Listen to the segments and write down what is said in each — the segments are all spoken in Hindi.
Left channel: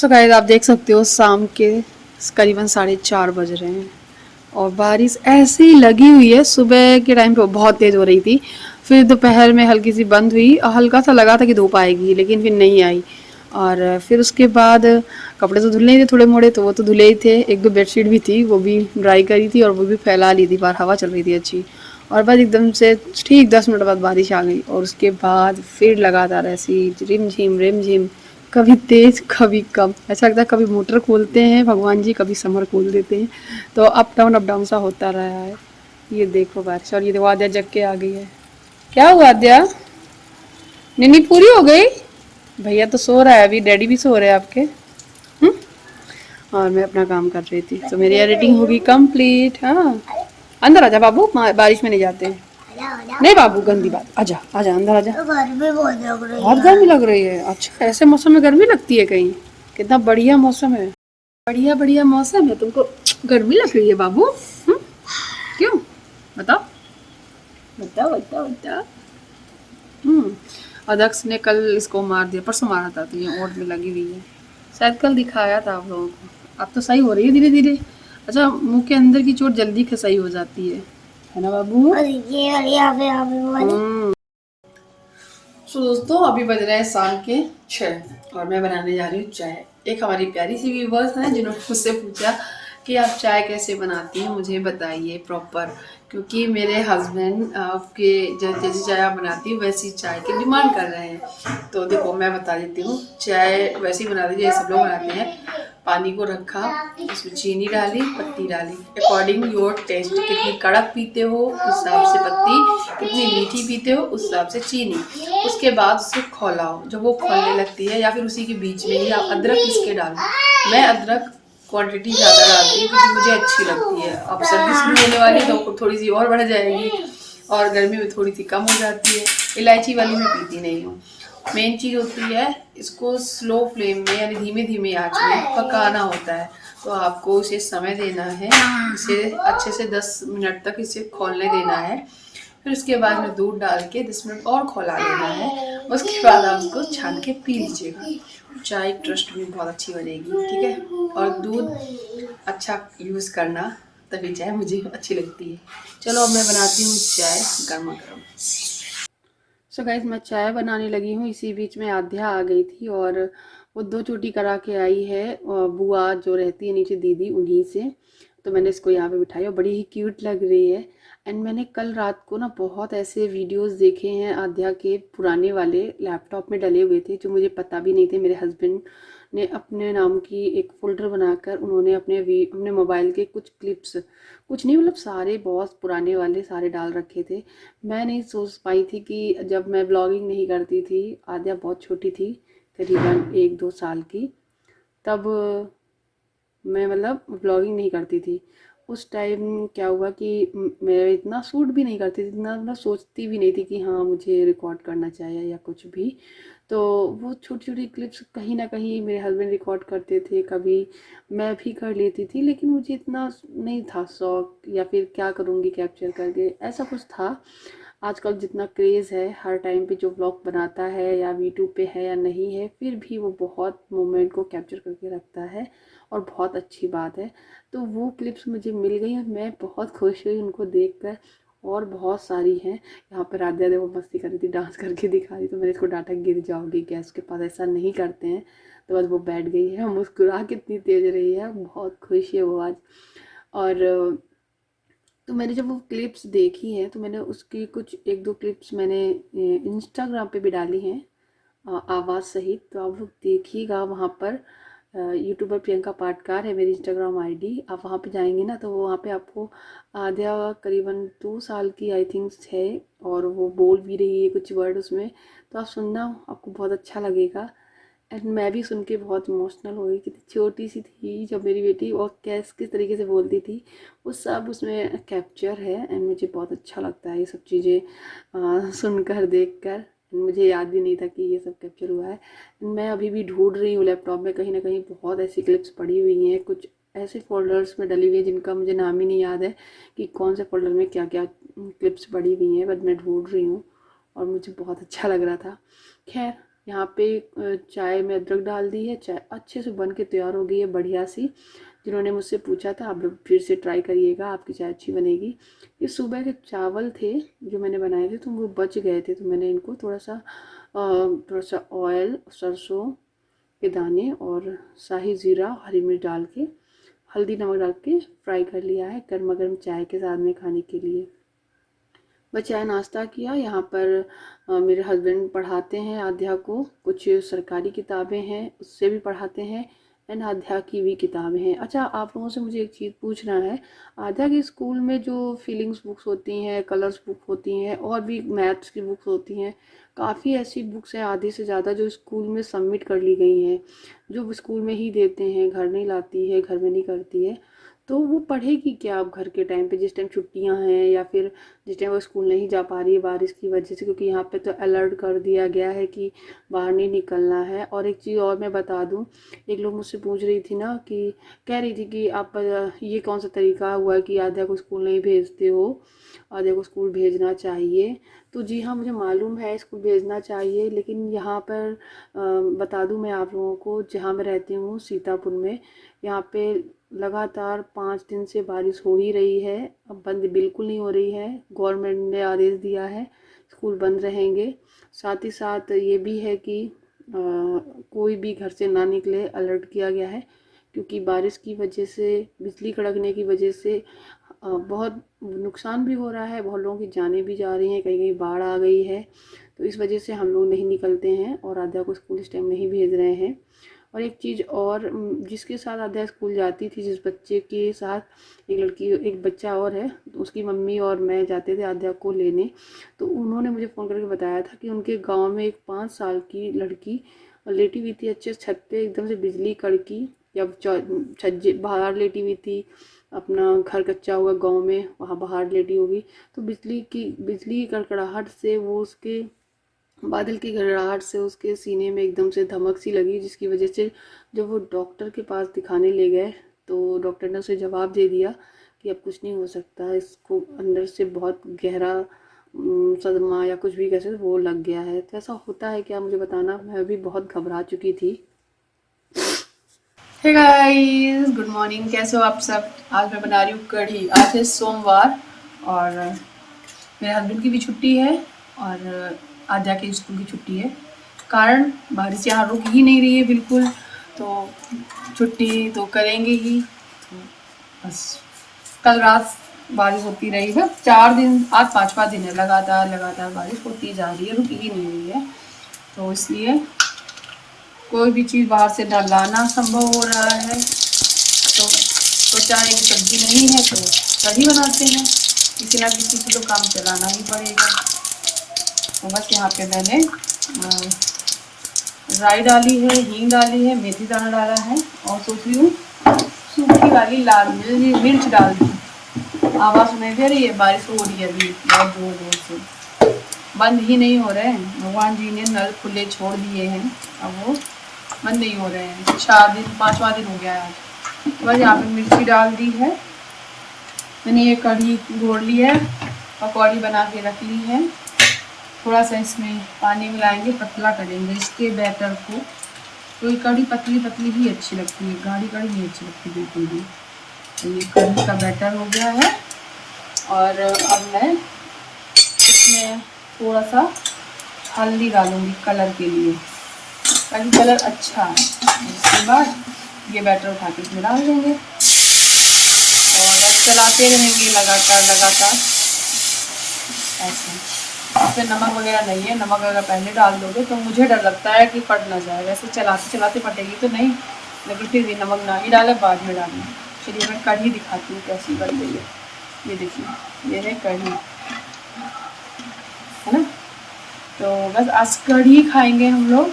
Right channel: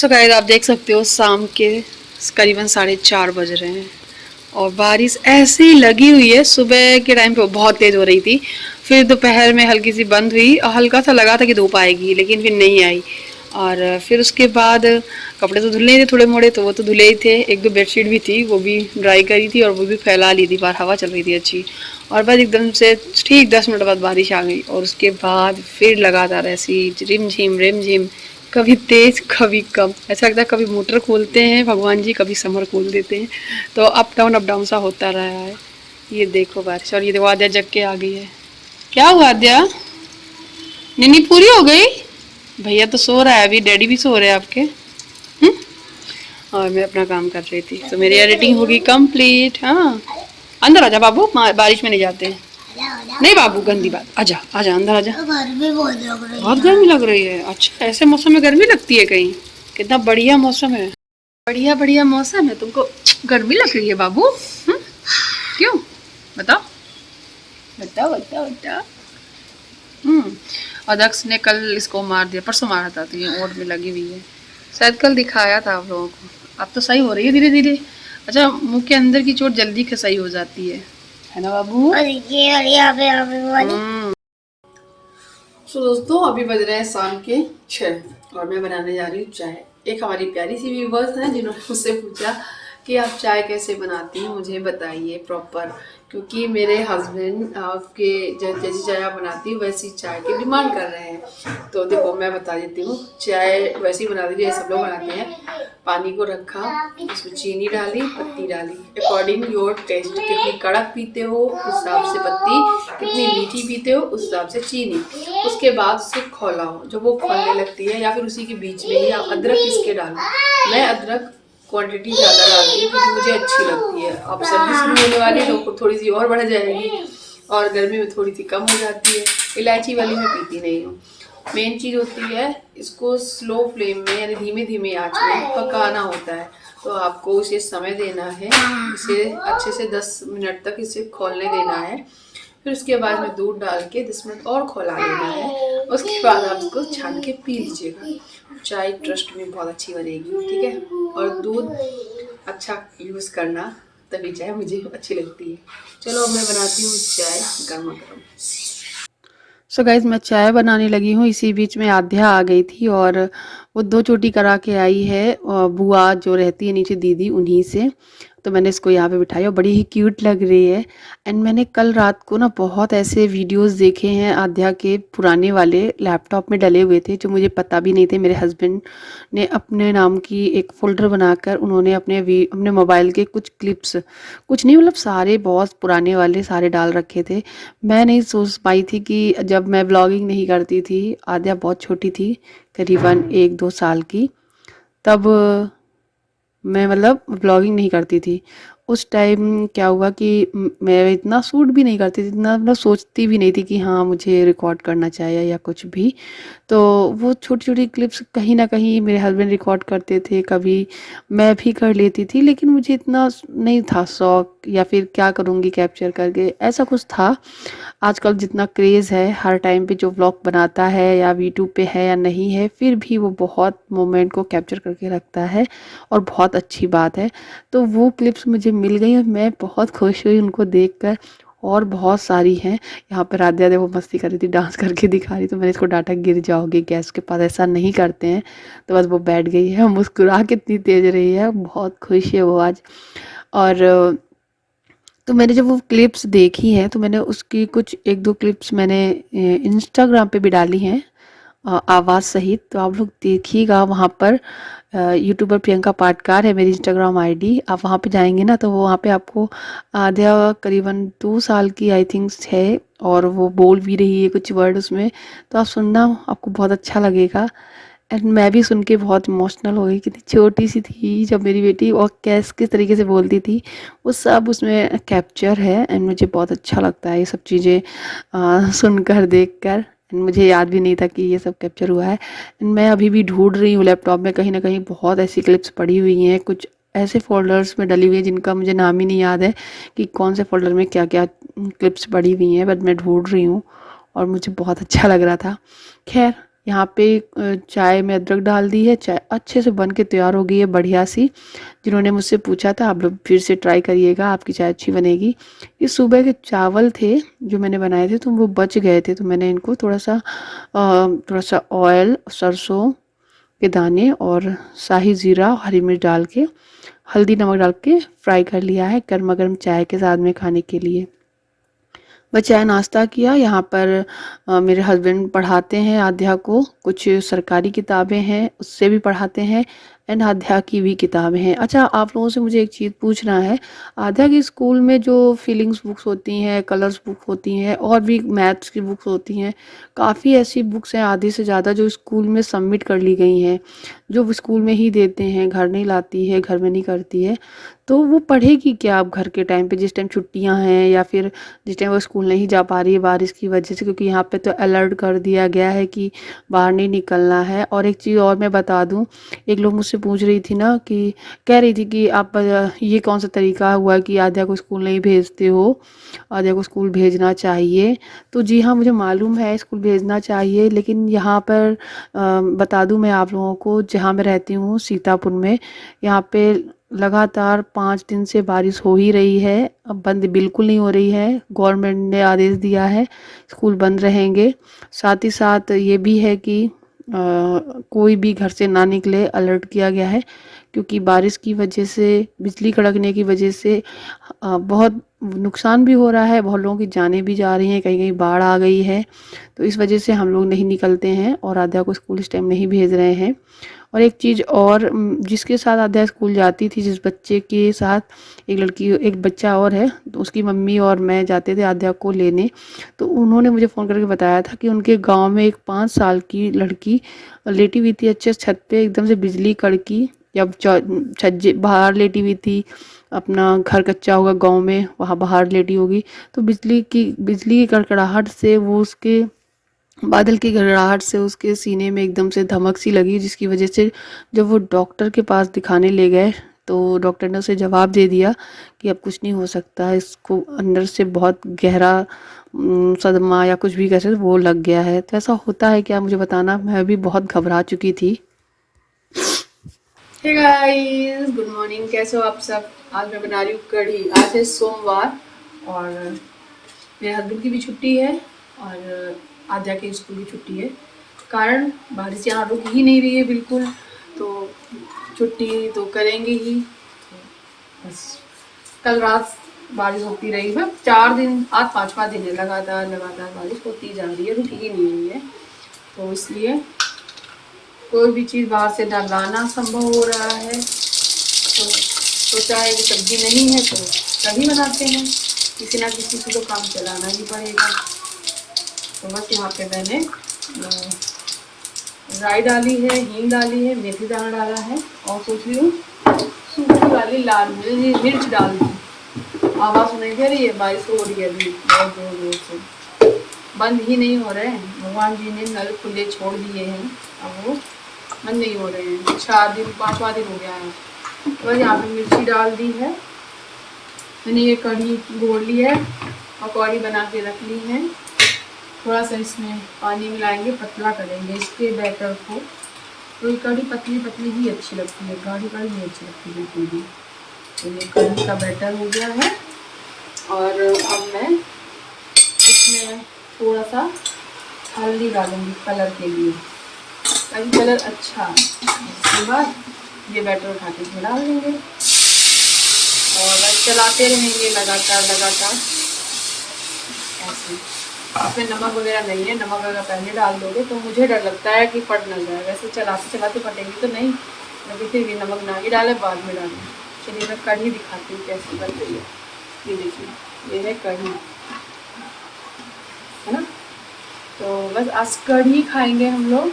सो गाइस आप देख सकते हो शाम के करीबन 4:30 बज रहे हैं और बारिश ऐसी लगी हुई है। सुबह के टाइम पे बहुत तेज़ हो रही थी, फिर दोपहर में हल्की सी बंद हुई और हल्का सा लगा था कि धूप आएगी, लेकिन फिर नहीं आई। और फिर उसके बाद कपड़े तो धुलने ही थे थोड़े मोड़े, तो वो तो धुले ही थे। एक दो बेडशीट भी थी, वो भी ड्राई करी थी और वो भी फैला ली थी, बाहर हवा चल रही थी अच्छी। और बस एकदम से ठीक 10 मिनट बाद बारिश आ गई और उसके बाद फिर लगातार ऐसी रिम झिम, कभी तेज कभी कम। ऐसा लगता है कभी मोटर खोलते हैं भगवान जी, कभी समर खोल देते हैं। तो अप डाउन सा होता रहा है। ये देखो बारिश, और ये देखो आद्या जग के आ गई है। क्या हुआ आद्या, नींद पूरी हो गई? भैया तो सो रहा है अभी, डैडी भी सो रहे हैं आपके। हम्म? और मैं अपना काम कर रही थी, तो मेरी एडिटिंग होगी कंप्लीट। हाँ, अंदर आजा बाबू, बारिश में नहीं जाते हैं। नहीं बाबू, गंदी बात। आजा आजा अंदर आजा। गर्मी बहुत लग रही है। बहुत गर्मी लग रही है? अच्छा, ऐसे मौसम में गर्मी लगती है कहीं? कितना बढ़िया मौसम है, बढ़िया बढ़िया मौसम है, तुमको गर्मी लग रही है बाबू? क्यों? बताओ बताओ बताओ बताओ। अदक्ष ने कल इसको मार दिया, परसों मारा था, तो ये ओट में लगी हुई है। शायद कल दिखाया था आप लोगों को। अब तो सही हो रही है धीरे धीरे। अच्छा, मुंह के अंदर की चोट जल्दी सही हो जाती है ना बाबू? और ये वाली यहाँ पे। सो दोस्तों, अभी बज रहे हैं शाम के 6 और मैं बनाने जा रही हूँ चाय। एक हमारी प्यारी सी व्यूवर्स हैं जिन्होंने मुझसे पूछा कि आप चाय कैसे बनाती हैं, मुझे बताइए प्रॉपर, क्योंकि मेरे हस्बैंड के जैसी चाय आप बनाती हूँ वैसी चाय की डिमांड कर रहे हैं। तो देखो मैं बता देती हूँ, चाय वैसी बनाती हूँ जैसे सब लोग बनाते हैं। पानी को रखा, उसमें चीनी डाली, पत्ती डाली, अकॉर्डिंग योर टेस्ट। कितनी कड़क पीते हो उस हिसाब से पत्ती, कितनी मीठी पीते हो उस हिसाब से चीनी। उसके बाद उसे खौलाओ, जब वो खौलने लगती है या फिर उसी के बीच में ही आप अदरक पीस के डालो। मैं अदरक क्वांटिटी ज़्यादा डालती हूँ क्योंकि मुझे अच्छी लगती है। अब सर्दी शुरू होने वाली है तो थोड़ी सी और बढ़ जाएगी, और गर्मी में थोड़ी सी कम हो जाती है। इलायची वाली मैं पीती नहीं हूँ। मेन चीज़ होती है, इसको स्लो फ्लेम में यानी धीमे धीमे आंच में पकाना होता है। तो आपको उसे समय देना है, इसे अच्छे से 10 मिनट तक इसे खोलने देना है। फिर उसके बाद में दूध डाल के 10 मिनट और खौला लेना है। उसके बाद आप उसको छान के पी लीजिएगा। चाय ट्रस्ट में बहुत अच्छी बनेगी, ठीक है? और दूध अच्छा यूज़ करना, तभी चाय मुझे अच्छी लगती है। चलो अब मैं बनाती हूँ चाय गर्मा गर्म। सो गाइज मैं चाय बनाने लगी हूँ, इसी बीच में आध्या आ गई थी और वो 2 चोटी करा के आई है, बुआ जो रहती है नीचे दीदी, उन्हीं से। तो मैंने इसको यहाँ पे बिठाई और बड़ी ही क्यूट लग रही है। एंड मैंने कल रात को ना बहुत ऐसे वीडियोस देखे हैं आध्या के, पुराने वाले लैपटॉप में डले हुए थे जो मुझे पता भी नहीं थे। मेरे हस्बैंड ने अपने नाम की एक फ़ोल्डर बनाकर उन्होंने अपने मोबाइल के कुछ क्लिप्स, कुछ नहीं मतलब सारे बहुत पुराने वाले सारे डाल रखे थे। मैं नहीं सोच पाई थी कि जब मैं ब्लॉगिंग नहीं करती थी, आद्या बहुत छोटी थी, करीबन 1-2 साल की, तब मैं मतलब ब्लॉगिंग नहीं करती थी। उस टाइम क्या हुआ कि मैं इतना शूट भी नहीं करती थी, इतना मतलब सोचती भी नहीं थी कि हाँ मुझे रिकॉर्ड करना चाहिए या कुछ भी। तो वो छोटी-छोटी क्लिप्स कहीं न कहीं मेरे हस्बैंड रिकॉर्ड करते थे, कभी मैं भी कर लेती थी, लेकिन मुझे इतना नहीं था शौक, या फिर क्या करूँगी कैप्चर करके, ऐसा कुछ था। आजकल जितना क्रेज़ है, हर टाइम पे जो व्लॉग बनाता है या यूट्यूब पे है या नहीं है, फिर भी वो बहुत मोमेंट को कैप्चर करके रखता है और बहुत अच्छी बात है। तो वो क्लिप्स मुझे मिल गई और मैं बहुत खुश हुई उनको देखकर। और बहुत सारी हैं। यहाँ पर राध्या देखो मस्ती कर रही थी, डांस करके दिखा रही, तो मैंने इसको डांटा गिर जाओगे गैस के पास, ऐसा नहीं करते हैं। तो बस वो बैठ गई है, मुस्कुरा कितनी तेज़ रही है, बहुत खुश है वो आज। और तो मैंने जब वो क्लिप्स देखी हैं तो मैंने उसकी कुछ 1-2 क्लिप्स मैंने इंस्टाग्राम पे भी डाली हैं, आवाज़ सहित। तो आप लोग देखिएगा वहाँ पर। यूट्यूबर प्रियंका पाटकार है मेरी इंस्टाग्राम आईडी। आप वहाँ पे जाएंगे ना तो वो वहाँ पे आपको आध्या करीबन 2 साल की आई थिंक है, और वो बोल भी रही है कुछ वर्ड उसमें। तो आप सुनना, आपको बहुत अच्छा लगेगा। एंड मैं भी सुन के बहुत इमोशनल हो गई, कितनी छोटी सी थी जब मेरी बेटी, और कैस किस तरीके से बोलती थी, वो सब उसमें कैप्चर है। एंड मुझे बहुत अच्छा लगता है ये सब चीज़ें सुनकर देखकर। मुझे याद भी नहीं था कि ये सब कैप्चर हुआ है। एंड मैं अभी भी ढूंढ रही हूँ लैपटॉप में, कहीं ना कहीं बहुत ऐसी क्लिप्स पड़ी हुई हैं, कुछ ऐसे फोल्डर्स में डली हुई है जिनका मुझे नाम ही नहीं याद है कि कौन से फोल्डर में क्या क्या क्लिप्स पड़ी हुई हैं, बट मैं ढूंढ रही हूँ और मुझे बहुत अच्छा लग रहा था। खैर, यहाँ पे चाय में अदरक डाल दी है, चाय अच्छे से बन के तैयार हो गई है बढ़िया सी। जिन्होंने मुझसे पूछा था, आप लोग फिर से ट्राई करिएगा, आपकी चाय अच्छी बनेगी। ये सुबह के चावल थे जो मैंने बनाए थे, तो वो बच गए थे, तो मैंने इनको थोड़ा सा ऑयल, सरसों के दाने और शाही ज़ीरा, हरी मिर्च डाल के, हल्दी नमक डाल के फ्राई कर लिया है, गर्मा गर्म चाय के साथ में खाने के लिए। बस चाय नाश्ता किया। यहाँ पर मेरे हस्बैंड पढ़ाते हैं आध्या को, कुछ सरकारी किताबें हैं उससे भी पढ़ाते हैं, एंड आध्या की भी किताबें हैं। अच्छा, आप लोगों से मुझे एक चीज़ पूछना है, आध्या की स्कूल में जो फीलिंग्स बुक्स होती हैं, कलर्स बुक होती हैं, और भी मैथ्स की बुक्स होती हैं, काफ़ी ऐसी बुक्स हैं आधे से ज़्यादा जो स्कूल में सबमिट कर ली गई हैं, जो वो स्कूल में ही देते हैं, घर नहीं लाती है, घर में नहीं करती है। तो वो पढ़ेगी क्या अब घर के टाइम पे, जिस टाइम छुट्टियां हैं, या फिर जिस टाइम वो स्कूल नहीं जा पा रही है बारिश की वजह से, क्योंकि यहाँ पे तो अलर्ट कर दिया गया है कि बाहर नहीं निकलना है। और एक चीज़ और मैं बता दूँ, एक लोग मुझसे पूछ रही थी ना, कि कह रही थी कि आप ये कौन सा तरीका हुआ कि आध्या को स्कूल नहीं भेजते हो, आध्या को स्कूल भेजना चाहिए। तो जी हाँ, मुझे मालूम है स्कूल भेजना चाहिए, लेकिन यहाँ पर बता दूँ मैं आप लोगों को, जहाँ मैं रहती हूँ सीतापुर में, यहाँ पे लगातार 5 दिन से बारिश हो ही रही है, अब बंद बिल्कुल नहीं हो रही है। गवर्नमेंट ने आदेश दिया है स्कूल बंद रहेंगे। साथ ही साथ ये भी है कि कोई भी घर से ना निकले, अलर्ट किया गया है, क्योंकि बारिश की वजह से, बिजली कड़कने की वजह से बहुत नुकसान भी हो रहा है, बहुत लोगों की जानें भी जा रही हैं, कहीं कहीं बाढ़ आ गई है। तो इस वजह से हम लोग नहीं निकलते हैं और आध्या को स्कूल इस टाइम नहीं भेज रहे हैं। और एक चीज़ और, जिसके साथ आध्या स्कूल जाती थी, जिस बच्चे के साथ, एक बच्चा और है, तो उसकी मम्मी और मैं जाते थे आध्या को लेने, तो उन्होंने मुझे फ़ोन करके बताया था कि उनके गांव में एक 5 साल की लड़की लेटी हुई थी अच्छे छत पे, एकदम से बिजली कड़की, जब छज्जे बाहर लेटी हुई थी, अपना घर कच्चा होगा गांव में, वहाँ बाहर लेटी होगी, तो बिजली की कड़कड़ाहट से, वो उसके बादल की गड़गड़ाहट से उसके सीने में एकदम से धमक सी लगी, जिसकी वजह से जब वो डॉक्टर के पास दिखाने ले गए, तो डॉक्टर ने उसे जवाब दे दिया कि अब कुछ नहीं हो सकता है, इसको अंदर से बहुत गहरा सदमा या कुछ भी कह सकते, वो लग गया है। तो ऐसा होता है क्या, मुझे बताना, मैं भी बहुत घबरा चुकी थी। हे गाइस, गुड मॉर्निंग, कैसे हो आप सब। आज मैं बना रही हूँ कढ़ी। आज है सोमवार और मेरे हस्बैंड की भी छुट्टी है और आज जाके स्कूल की छुट्टी है, कारण बारिश यहाँ रुक ही नहीं रही है बिल्कुल, तो छुट्टी तो करेंगे ही। तो बस कल रात बारिश होती रही, बस 4 दिन, आज 5वां दिन है, लगातार लगातार बारिश होती जा रही है, रुक ही नहीं रही है। तो इसलिए कोई भी चीज़ बाहर से ना लाना संभव हो रहा है, तो सोचा है कि सब्जी नहीं है तो कढ़ी बनाते हैं, किसी ना किसी से तो काम चलाना ही पड़ेगा। तो बस यहाँ पे मैंने राई डाली है, हींग डाली है, मेथी दाना डाला है, और सोच रही हूँ सूखी वाली लाल मिर्च डाल दी। आवाज़ सुनाई दे रही है, बारिश हो रही है अभी बहुत जोर जोर से, बंद ही नहीं हो रहे हैं। भगवान जी ने नल खुले छोड़ दिए हैं, अब वो बंद नहीं हो रहे हैं। 5वां दिन हो गया है। बस यहाँ पे मिर्ची डाल दी है मैंने, ये कढ़ी घोल ली है, पकौड़ी बना के रख ली है। थोड़ा सा इसमें पानी मिलाएंगे, पतला करेंगे इसके बैटर को, तो ये कढ़ी पतली पतली ही अच्छी लगती है, गाढ़ी गाढ़ी नहीं अच्छी लगती बिल्कुल भी। तो ये कढ़ी का बैटर हो गया है, और अब मैं इसमें थोड़ा सा हल्दी डालूंगी कलर के लिए, ताकि कलर अच्छा है। उसके बाद ये बैटर उठा के इसमें डाल देंगे और बस चलाते रहेंगे लगातार लगातार ऐसे। इसमें नमक वगैरह नहीं है, नमक अगर पहले डाल दोगे तो मुझे डर लगता है कि फट ना जाए, वैसे चलाते चलाते फटेगी तो नहीं, लेकिन फिर भी नमक ना ही डाले, बाद में डालना। चलिए मैं कढ़ी दिखाती हूँ कैसी बन रही है। ये देखिए, ये है कढ़ी, है ना। तो बस आज कढ़ी खाएंगे हम लोग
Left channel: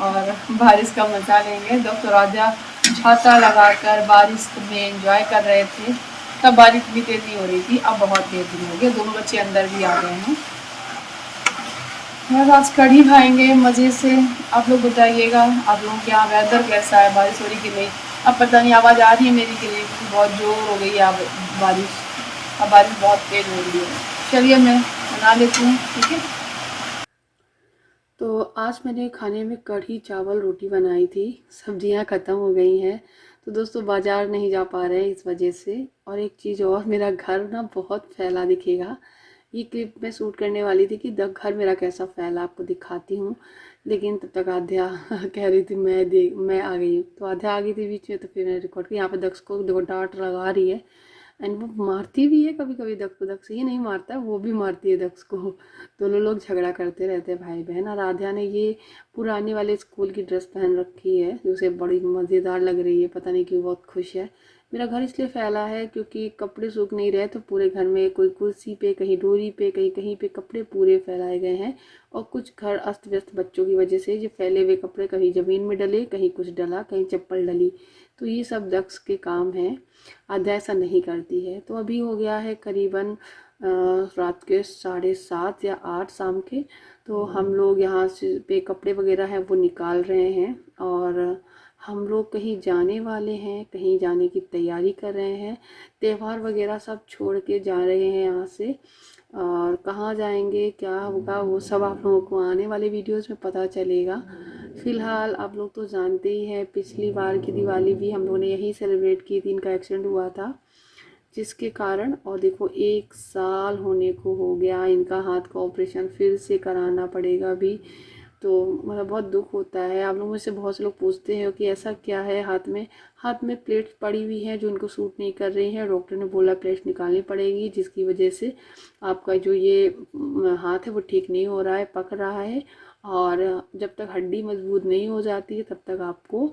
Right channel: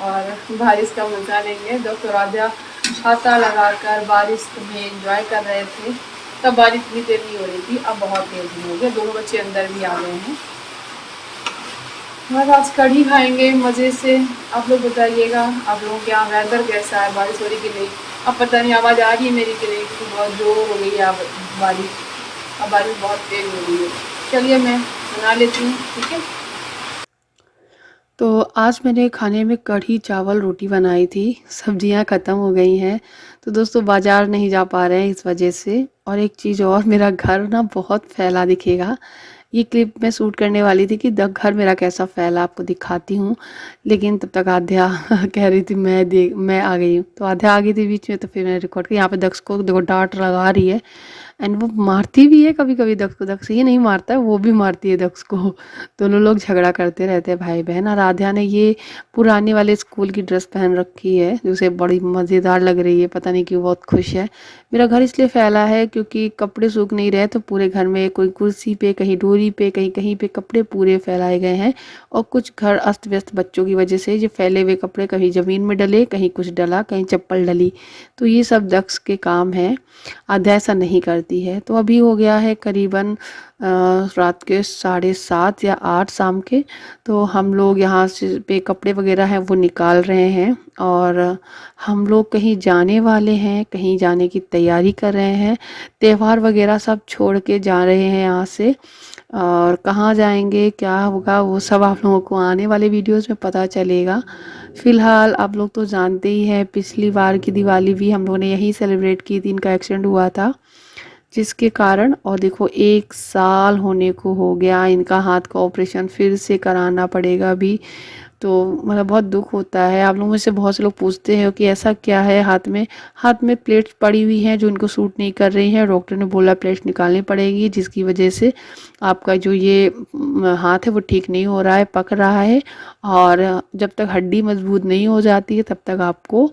और बारिश का मज़ा लेंगे। डॉक्टर राजा छाता लगाकर बारिश में एंजॉय कर रहे थे, तब बारिश इतनी तेज नहीं हो रही थी, अब बहुत तेज हो गई, दोनों बच्चे अंदर भी आ गए हैं। बस आज कढ़ी खाएंगे मज़े से। आप लोग बताइएगा, आप लोगों के यहाँ वेदर कैसा है, बारिश हो रही कि नहीं। अब पता नहीं आवाज़ आ रही है मेरी कि नहीं, क्योंकि बहुत जोर हो गई है बारिश, अब बारिश बहुत तेज़ हो रही है। चलिए मैं बना लेती हूँ, ठीक है। तो आज मैंने खाने में कढ़ी चावल रोटी बनाई थी। सब्जियां ख़त्म हो गई हैं, तो दोस्तों बाज़ार नहीं जा पा रहे हैं इस वजह से। और एक चीज़ और, मेरा घर ना बहुत फैला दिखेगा। ये क्लिप मैं शूट करने वाली थी कि द घर मेरा कैसा फैला आपको दिखाती हूँ, लेकिन तब तक आध्या कह रही थी मैं आ गई हूँ। तो आध्या आ गई थी बीच में, तो फिर मैंने रिकॉर्ड किया। यहाँ पे दक्ष को देखो डांट लगा रही है, एंड वो मारती भी है कभी कभी दक्ष को। दक्ष ये नहीं मारता है, वो भी मारती है दक्ष को। दोनों लोग झगड़ा करते रहते हैं भाई बहन। और आध्या ने ये पुराने वाले स्कूल की ड्रेस पहन रखी है, जो उसे बड़ी मज़ेदार लग रही है, पता नहीं क्यों बहुत खुश है। मेरा घर इसलिए फैला है क्योंकि कपड़े सूख नहीं रहे, तो पूरे घर में कोई कुर्सी पे, कहीं डोरी पे, कहीं कहीं पे कपड़े पूरे फैलाए गए हैं। और कुछ घर अस्त व्यस्त बच्चों की वजह से ये फैले हुए कपड़े कहीं ज़मीन में डले, कहीं कुछ डला, कहीं चप्पल डली। तो ये सब दक्ष के काम है। आध्या ऐसा नहीं करती है। तो अभी हो गया है करीबन रात के 7:30 या 8 शाम के। तो हम लोग यहाँ से पे कपड़े वगैरह हैं वो निकाल रहे हैं, और हम लोग कहीं जाने वाले हैं, कहीं जाने की तैयारी कर रहे हैं। त्यौहार वगैरह सब छोड़ के जा रहे हैं यहाँ से। और कहाँ जाएंगे, क्या होगा, वो सब आप लोगों को आने वाले वीडियोस में पता चलेगा। फ़िलहाल आप लोग तो जानते ही हैं, पिछली बार की दिवाली भी हम लोगों ने यही सेलिब्रेट की थी। इनका एक्सीडेंट हुआ था जिसके कारण, और देखो 1 साल होने को हो गया। इनका हाथ का ऑपरेशन फिर से कराना पड़ेगा अभी। तो मतलब बहुत दुख होता है। आप लोगों में से बहुत से लोग पूछते हैं कि ऐसा क्या है हाथ में। हाथ में प्लेट्स पड़ी हुई हैं जो इनको सूट नहीं कर रही हैं। डॉक्टर ने बोला प्लेट्स निकालनी पड़ेगी, जिसकी वजह से आपका जो ये हाथ है वो ठीक नहीं हो रहा है, पक रहा है। और जब तक हड्डी मजबूत नहीं हो जाती है तब तक आपको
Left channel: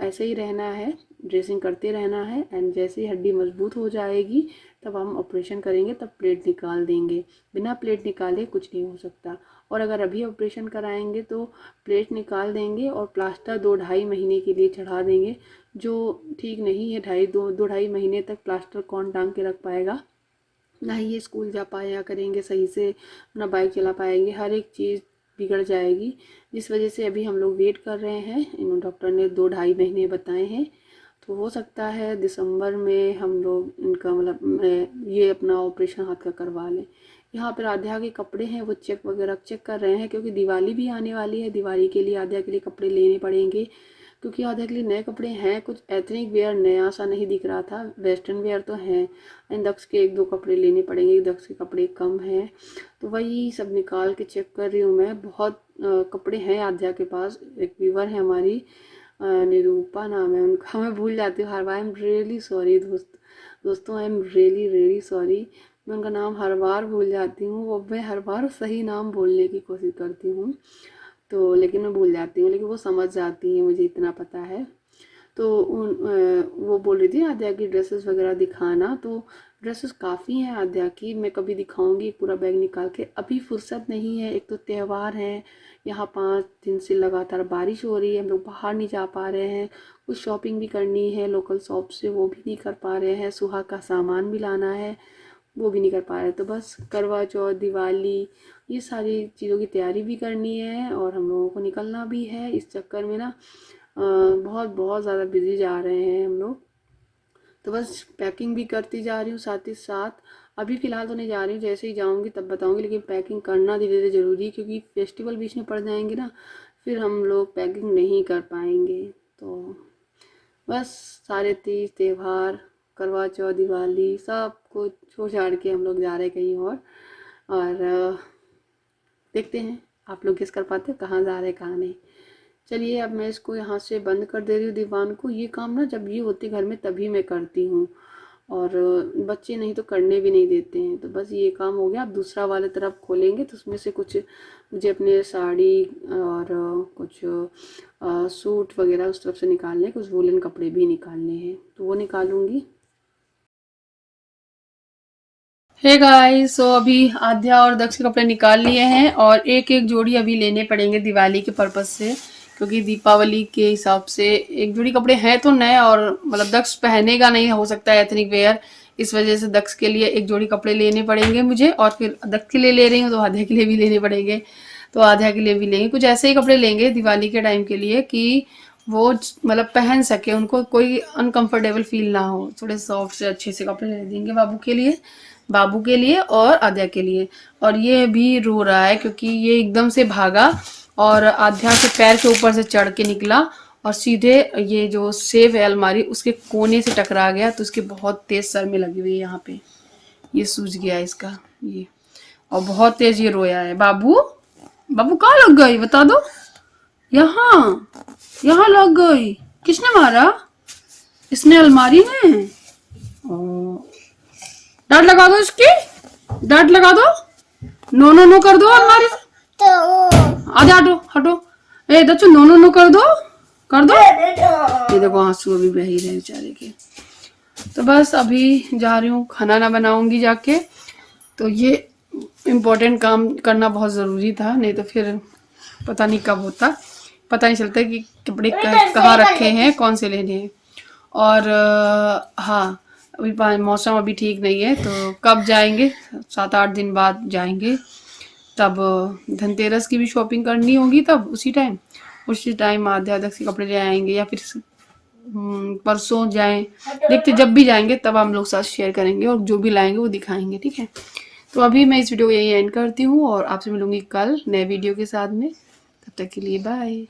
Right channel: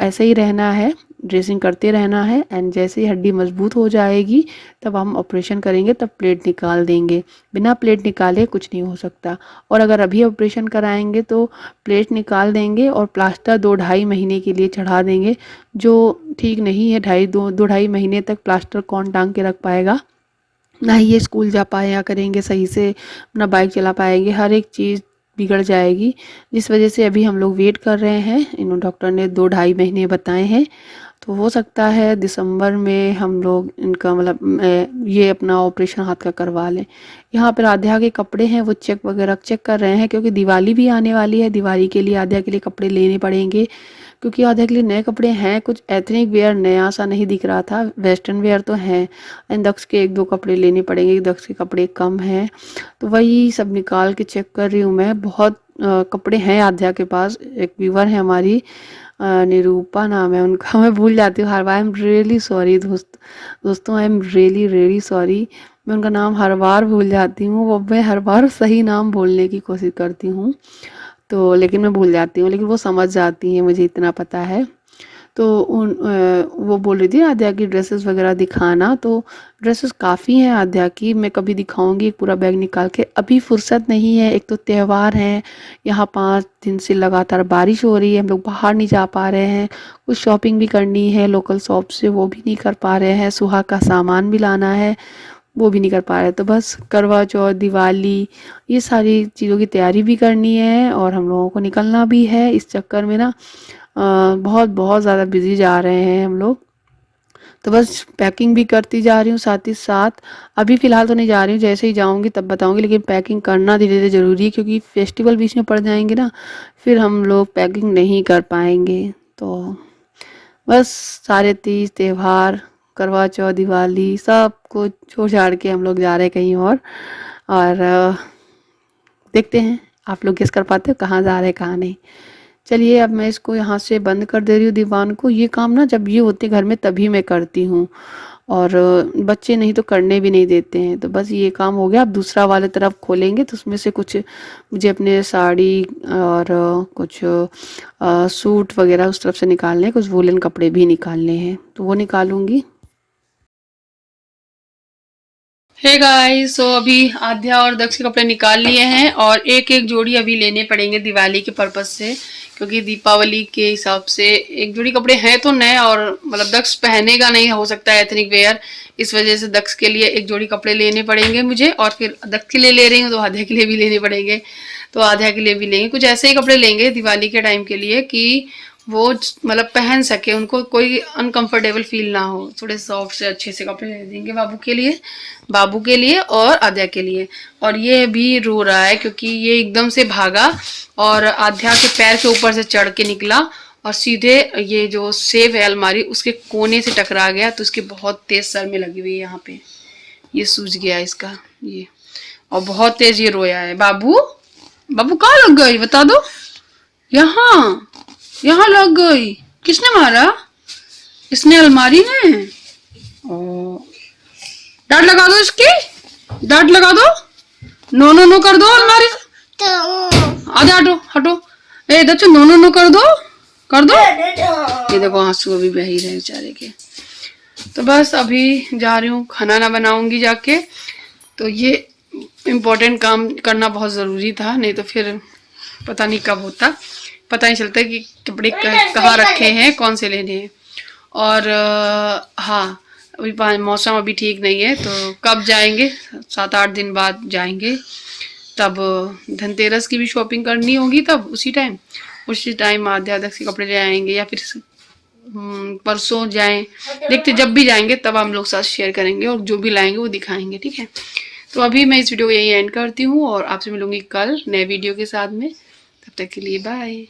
ऐसे ही रहना है, ड्रेसिंग करते रहना है। एंड जैसे ही हड्डी मजबूत हो जाएगी तब हम ऑपरेशन करेंगे, तब प्लेट निकाल देंगे। बिना प्लेट निकाले कुछ नहीं हो सकता। और अगर अभी ऑपरेशन कराएंगे तो प्लेट निकाल देंगे और प्लास्टर 2-2.5 महीने के लिए चढ़ा देंगे, जो ठीक नहीं है। 2-2.5 महीने तक प्लास्टर कौन टांग के रख पाएगा। ना ही ये स्कूल जा पाया करेंगे सही से, अपना बाइक चला पाएंगे, हर एक चीज़ बिगड़ जाएगी। जिस वजह से अभी हम लोग वेट कर रहे हैं। इन डॉक्टर ने 2-2.5 महीने बताए हैं। तो हो सकता है दिसंबर में हम लोग इनका मतलब ये अपना ऑपरेशन हाथ का करवा लें। यहाँ पर आध्या के कपड़े हैं वो चेक वगैरह चेक कर रहे हैं, क्योंकि दिवाली भी आने वाली है। दिवाली के लिए आध्या के लिए कपड़े लेने पड़ेंगे, क्योंकि आध्या के लिए नए कपड़े हैं। कुछ एथनिक वेयर नया सा नहीं दिख रहा था, वेस्टर्न वेयर तो हैं। एंड दक्ष के 1-2 कपड़े लेने पड़ेंगे, दक्ष के कपड़े कम हैं। तो वही सब निकाल के चेक कर रही हूँ मैं। बहुत कपड़े हैं आध्या के पास। एक व्यूवर है हमारी, निरूपा नाम है उनका, मैं भूल जाती हूँ हर बार। आई एम रियली सॉरी दोस्तों, I am really really sorry. मैं उनका नाम हर बार भूल जाती हूँ। वो मैं हर बार सही नाम बोलने की कोशिश करती हूँ, तो लेकिन मैं भूल जाती हूँ। लेकिन वो समझ जाती हैं, मुझे इतना पता है। तो वो बोल रही थी आध्या की ड्रेसेस वगैरह दिखाना। तो ड्रेसेस काफ़ी हैं आध्या की, मैं कभी दिखाऊंगी एक पूरा बैग निकाल के। अभी फुर्सत नहीं है, एक तो त्यौहार है, यहाँ 5 दिन से लगातार बारिश हो रही है, हम लोग बाहर नहीं जा पा रहे हैं। कुछ शॉपिंग भी करनी है लोकल शॉप से, वो भी नहीं कर पा रहे हैं। सुहाग का सामान भी लाना है, वो भी नहीं कर पा रहे। तो बस करवा चौथ, दिवाली, ये सारी चीज़ों की तैयारी भी करनी है, और हम लोगों को निकलना भी है। इस चक्कर में ना बहुत बहुत ज़्यादा बिजी जा रहे हैं हम लोग। तो बस पैकिंग भी करती जा रही हूँ साथ ही साथ। अभी फ़िलहाल तो नहीं जा रही हूँ, जैसे ही जाऊँगी तब बताऊँगी। लेकिन पैकिंग करना धीरे धीरे ज़रूरी है, क्योंकि फेस्टिवल बीच में पड़ जाएंगे ना, फिर हम लोग पैकिंग नहीं कर पाएंगे। तो बस सारे तीज त्यौहार, करवा चौथ, दिवाली, सब कुछ छोड़ छाड़ के हम लोग जा रहे हैं कहीं और देखते हैं आप लोग गेस कर पाते हो कहाँ जा रहे हैं कहाँ नहीं। चलिए अब मैं इसको यहाँ से बंद कर दे रही हूँ दीवान को। ये काम ना जब ये होते घर में तभी मैं करती हूँ, और बच्चे नहीं तो करने भी नहीं देते हैं। तो बस ये काम हो गया। अब दूसरा वाले तरफ खोलेंगे, तो उसमें से कुछ मुझे अपने साड़ी और कुछ सूट वगैरह उस तरफ से निकालने हैं, कुछ वूलन कपड़े भी निकालने हैं, तो वो निकालूंगी। हे गाइस, सो अभी आध्या और दक्ष के कपड़े निकाल लिए हैं, और एक एक जोड़ी अभी लेने पड़ेंगे दिवाली के पर्पज से, क्योंकि दीपावली के हिसाब से एक जोड़ी कपड़े हैं तो नए, और मतलब दक्ष पहनेगा नहीं, हो सकता है एथनिक वेयर। इस वजह से दक्ष के लिए एक जोड़ी कपड़े लेने पड़ेंगे मुझे, और फिर दक्ष के लिए ले रही हूँ तो आध्या के लिए भी लेने पड़ेंगे। तो आध्या के लिए भी लेंगे, कुछ ऐसे ही कपड़े लेंगे दिवाली के टाइम के लिए कि वो मतलब पहन सके, उनको कोई अनकंफर्टेबल फील ना हो, थोड़े सॉफ्ट से अच्छे से कपड़े ले देंगे बाबू के लिए और आद्या के लिए। और ये भी रो रहा है क्योंकि ये एकदम से भागा और आद्या के पैर के ऊपर से चढ़ के निकला और सीधे ये जो सेफ है अलमारी उसके कोने से टकरा गया, तो उसके बहुत तेज सर में लगी हुई है यहाँ पे, ये सूज गया इसका ये, और बहुत तेज ये रोया है। बाबू बाबू कहाँ लग गई बता दो, यहाँ यहाँ लग गई, किसने मारा? इसने अलमारी में। ओ, डांट लगा दो इसकी, डांट लगा दो, नो नो नो कर दो अलमारी, आजा हटो हटो, ए बच्चों नो नो नो कर दो, कर दो। ये देखो आंसू अभी बह ही रहे बेचारे के। तो बस अभी जा रही हूँ, खाना ना बनाऊंगी जाके, तो ये इम्पोर्टेंट काम करना बहुत ज़रूरी था, नहीं तो फिर पता नहीं कब होता, पता नहीं चलता कि कपड़े कहाँ रखे हैं, कौन से लेने हैं। और हाँ अभी मौसम अभी ठीक नहीं है, तो कब जाएंगे, 7-8 दिन बाद जाएंगे, तब धनतेरस की भी शॉपिंग करनी होगी, तब उसी टाइम आध्यात्मिक के कपड़े ले आएंगे, या फिर परसों जाएं, देखते जब भी जाएंगे तब हम लोग साथ शेयर करेंगे और जो भी लाएंगे वो दिखाएंगे, ठीक है। तो अभी मैं इस वीडियो को यही एंड करती हूँ और आपसे मिलूंगी कल नए वीडियो के साथ में, तब तक के लिए बाय।